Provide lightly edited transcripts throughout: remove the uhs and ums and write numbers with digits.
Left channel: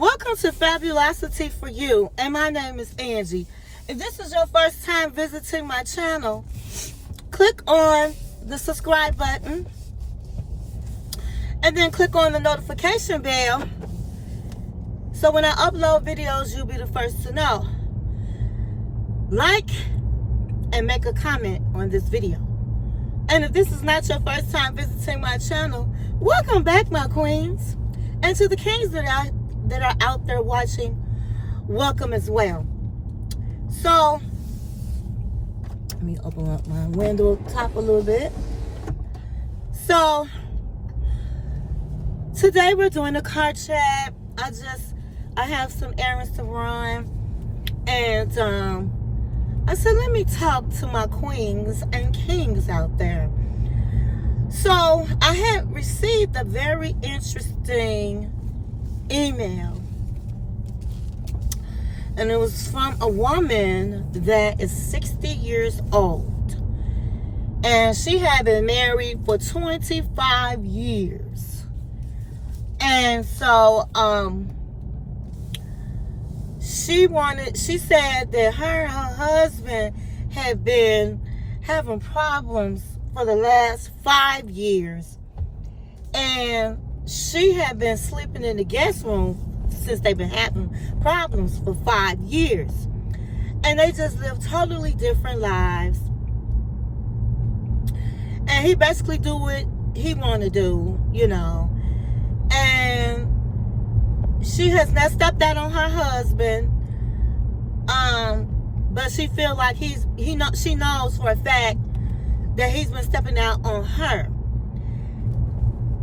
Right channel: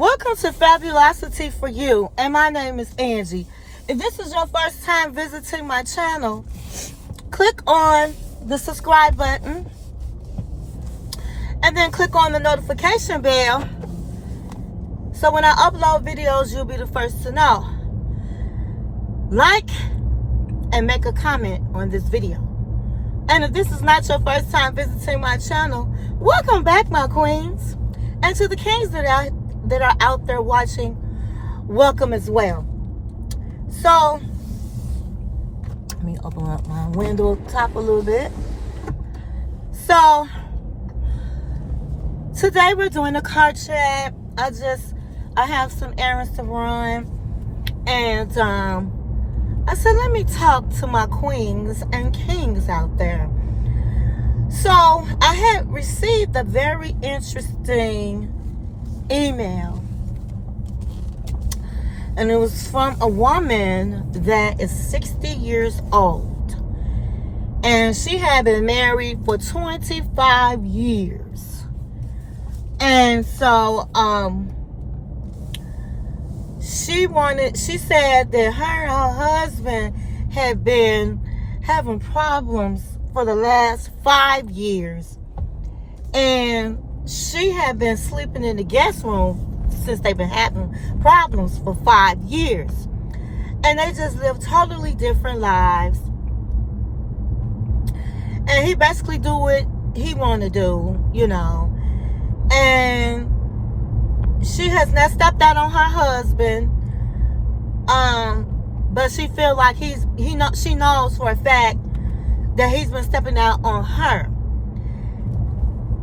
Welcome to Fabulosity for You, and my name is Angie. If this is your first time visiting my channel, click on the subscribe button and then click on the notification bell so when I upload videos, you'll be the first to know. Like and make a comment on this video. And if this is not your first time visiting my channel, welcome back, my queens. And to the kings that are out there watching, welcome as well. So, let me open up my window top a little bit. So, today we're doing a car chat. I have some errands to run. And I said, let me talk to my queens and kings out there. So, I had received a very interesting email. And it was from a woman that is 60 years old. And she had been married for 25 years. And so, she said that her husband had been having problems for the last 5 years. And she had been sleeping in the guest room since they've been having problems for 5 years. And they just live totally different lives. And he basically do what he want to do, you know. And she has not stepped out on her husband. But she feel like she knows for a fact that he's been stepping out on her.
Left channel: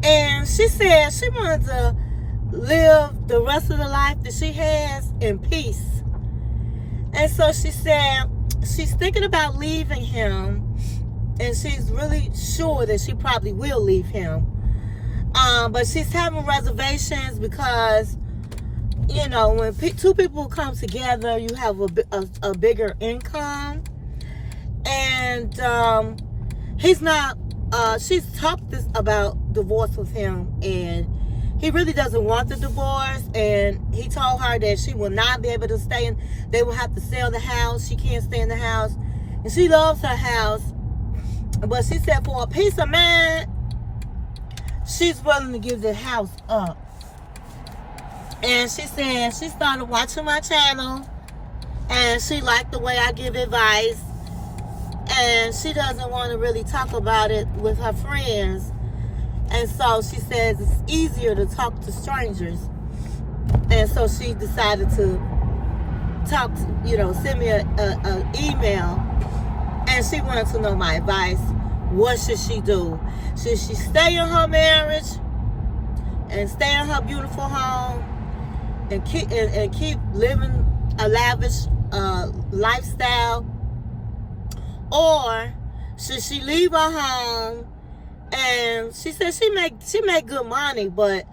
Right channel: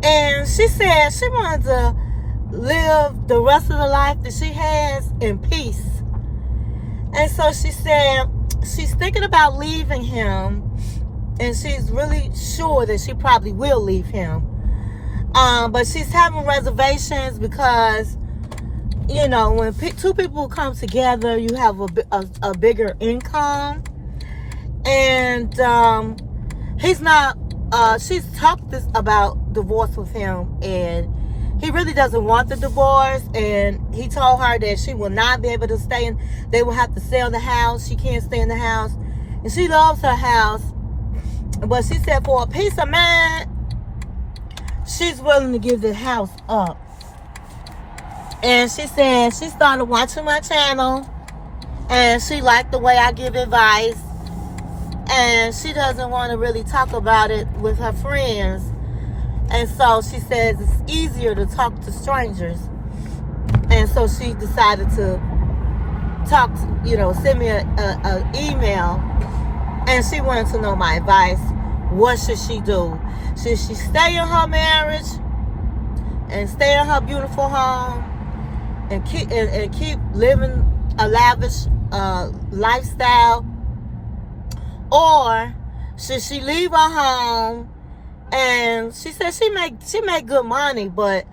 And she said she wanted to live the rest of the life that she has in peace. And so she said she's thinking about leaving him, and she's really sure that she probably will leave him. But she's having reservations because, you know, when two people come together, you have a bigger income. And he's not, she's talked about divorce with him, and he really doesn't want the divorce. And he told her that she will not be able to stay in, they will have to sell the house. She can't stay in the house. And she loves her house. But she said for a peace of mind, she's willing to give the house up. And she said she started watching my channel, and she liked the way I give advice, and she doesn't want to really talk about it with her friends. And so she says it's easier to talk to strangers. And so she decided to talk to, you know, send me an email, and she wanted to know my advice. What should she do? Should she stay in her marriage and stay in her beautiful home and keep living a lavish lifestyle? Or should she leave her home? And she said she make good money, but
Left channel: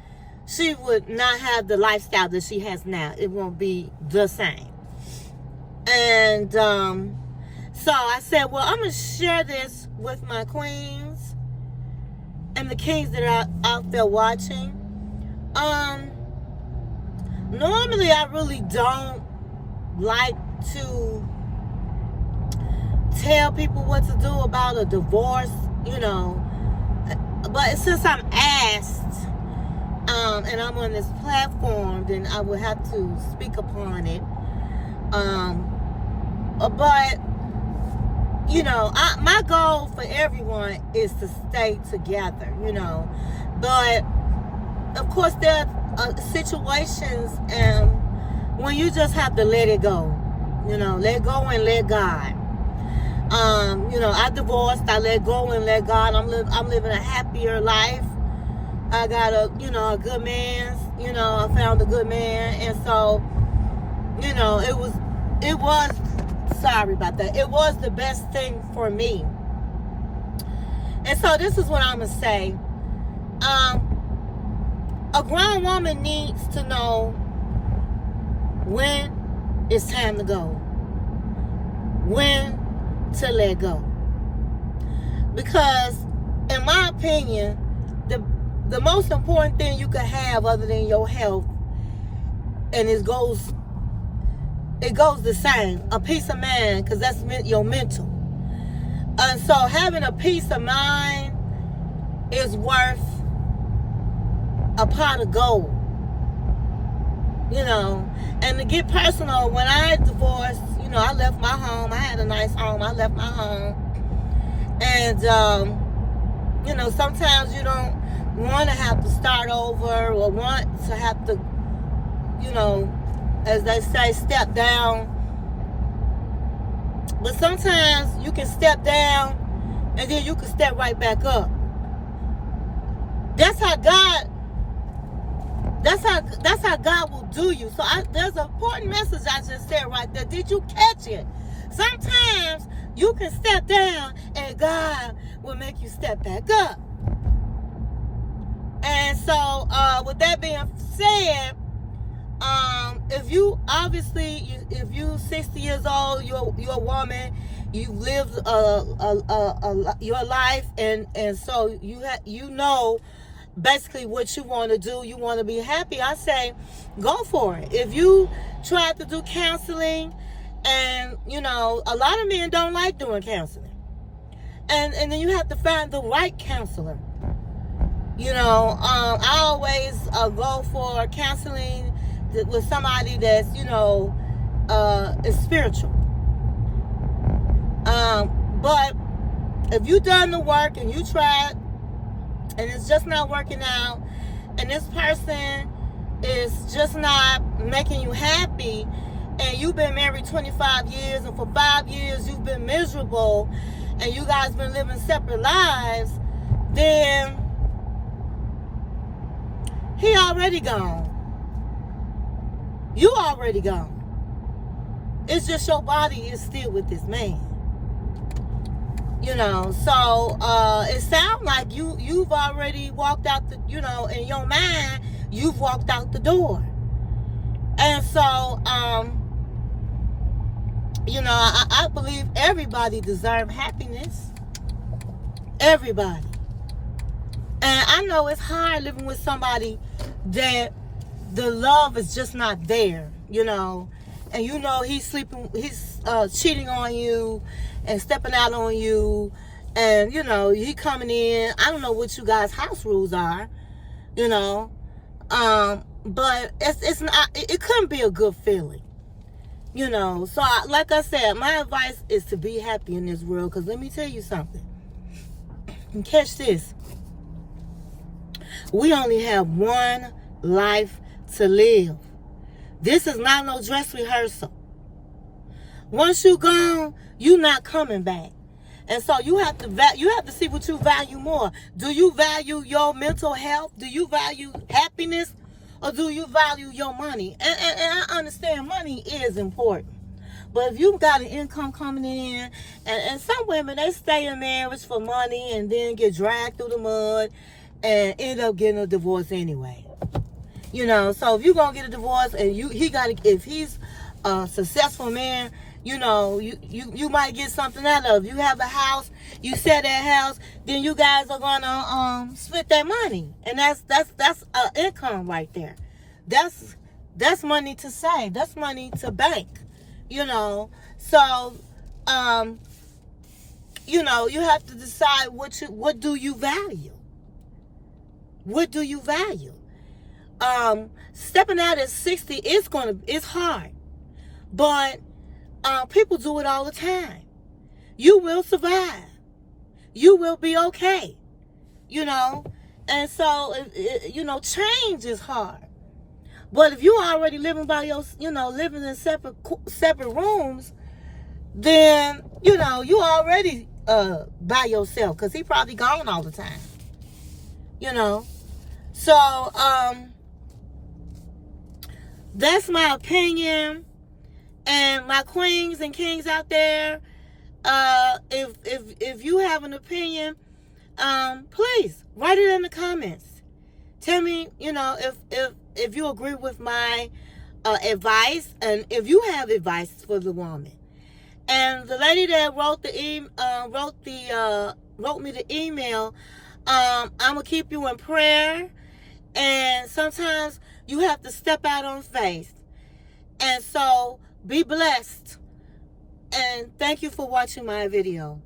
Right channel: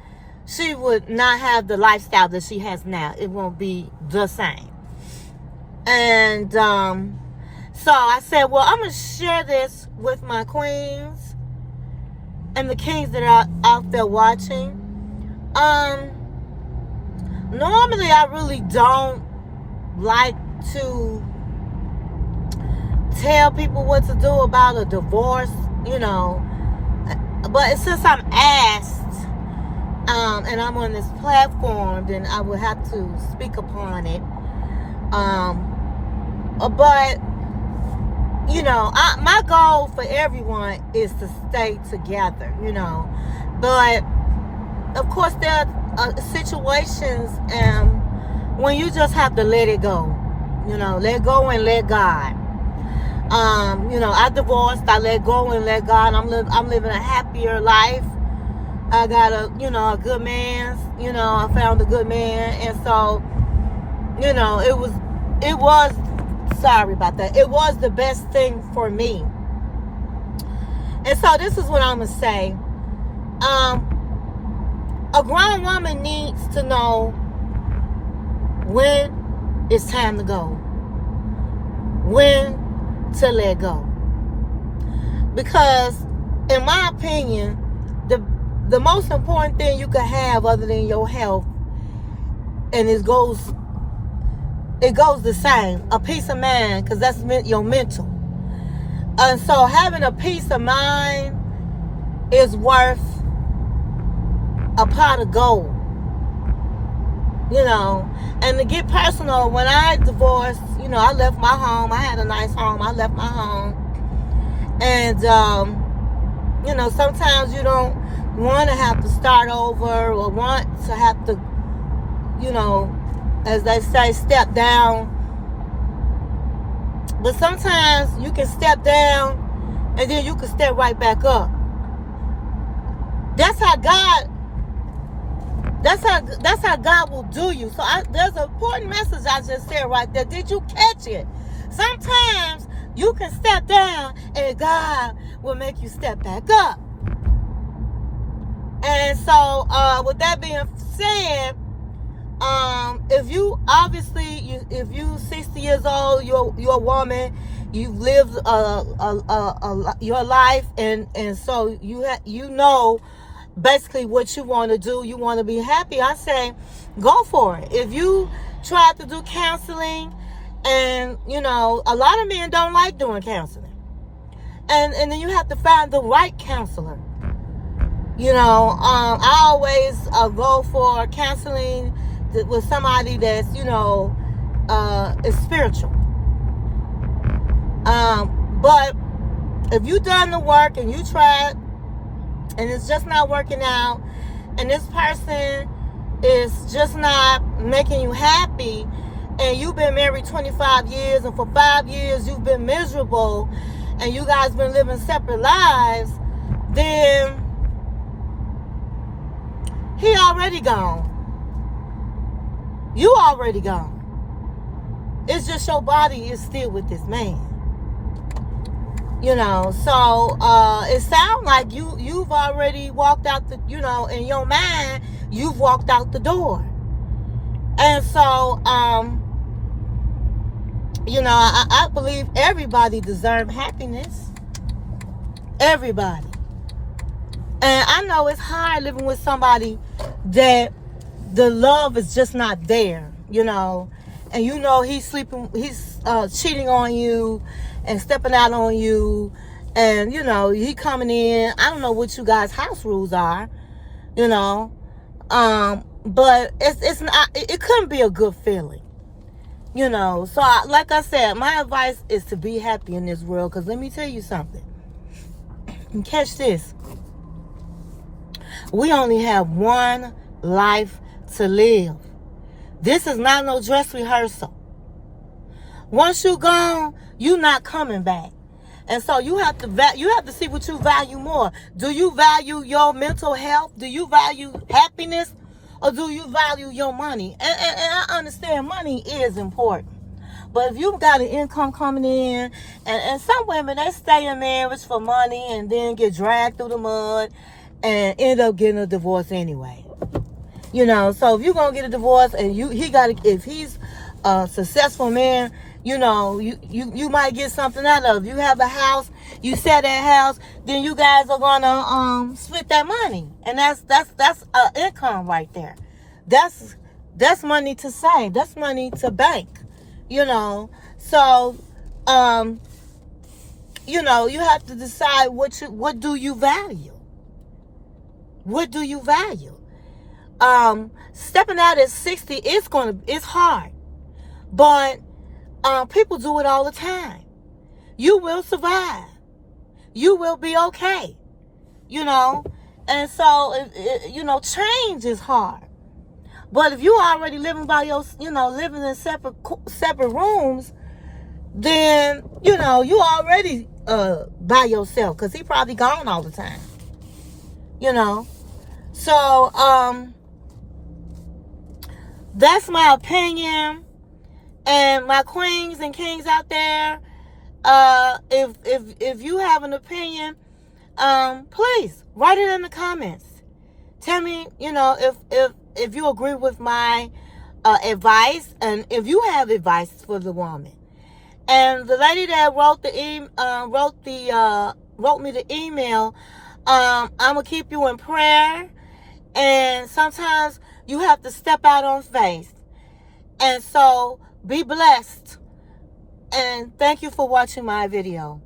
she would not have the lifestyle that she has now. It won't be the same. And so I said, well, I'm going to share this with my queens and the kings that are out there watching. Normally I really don't like to tell people what to do about a divorce, you know. But since I'm asked, and I'm on this platform, then I will have to speak upon it. But, you know, my goal for everyone is to stay together, you know. But, of course, there are situations when you just have to let it go. You know, let go and let God. You know, I divorced, I let go and let God. I'm living a happier life. I got a good man. You know, I found a good man. And so, you know, it was, sorry about that. It was the best thing for me. And so this is what I'm going to say. A grown woman needs to know when it's time to go. When to let go. Because in my opinion, the most important thing you can have other than your health and it goes the same. A peace of mind, because that's your mental. And so having a peace of mind is worth a pot of gold. And to get personal, when I divorced, I left my home. I had a nice home. I left my home. And, sometimes you don't want to have to start over or want to have to, as they say, step down. But sometimes you can step down and then you can step right back up. That's how God will do you. So there's an important message I just said right there. Did you catch it? Sometimes you can step down and God will make you step back up. And so with that being said, if you 60 years old, you're a woman, you've lived your life, and so you know basically what you want to do. You want to be happy. I say, go for it. If you try to do counseling, and a lot of men don't like doing counseling, and then you have to find the right counselor. I always go for counseling with somebody that's is spiritual. But if you done the work and you tried and it's just not working out, and this person is just not making you happy, and you've been married 25 years, and for 5 years you've been miserable, and you guys been living separate lives, then he already gone. You already gone. It's just your body is still with this man. So it sounds like you've already walked out the, in your mind, you've walked out the door. And so, I believe everybody deserves happiness. Everybody. And I know it's hard living with somebody that the love is just not there, and he's cheating on you and stepping out on you, and he coming in. I don't know what you guys' house rules are, but it's not. It couldn't be a good feeling, So like I said, my advice is to be happy in this world. Because let me tell you something. And catch this. We only have one life to live. This is not no dress rehearsal. Once you're gone, you're not coming back. And so you have to see what you value more. Do you value your mental health? Do you value happiness? Or do you value your money? And I understand money is important. But if you've got an income coming in, and some women, they stay in marriage for money and then get dragged through the mud and end up getting a divorce anyway. So if you're going to get a divorce and if he's a successful man, you might get something out of it. You have a house, you sell that house, then you guys are going to split that money. And that's income right there. That's money to save. That's money to bank. So you have to decide what do you value. What do you value? Stepping out at 60, it's hard. But people do it all the time. You will survive. You will be okay. And so, change is hard. But if you already living by living in separate rooms, then, you already by yourself, because he probably gone all the time. So, that's my opinion. And my queens and kings out there, if you have an opinion, please write it in the comments. Tell me, if you agree with my advice, and if you have advice for the woman. And the lady that wrote me the email, I'm gonna keep you in prayer. And sometimes you have to step out on faith. And so be blessed. And thank you for watching my video.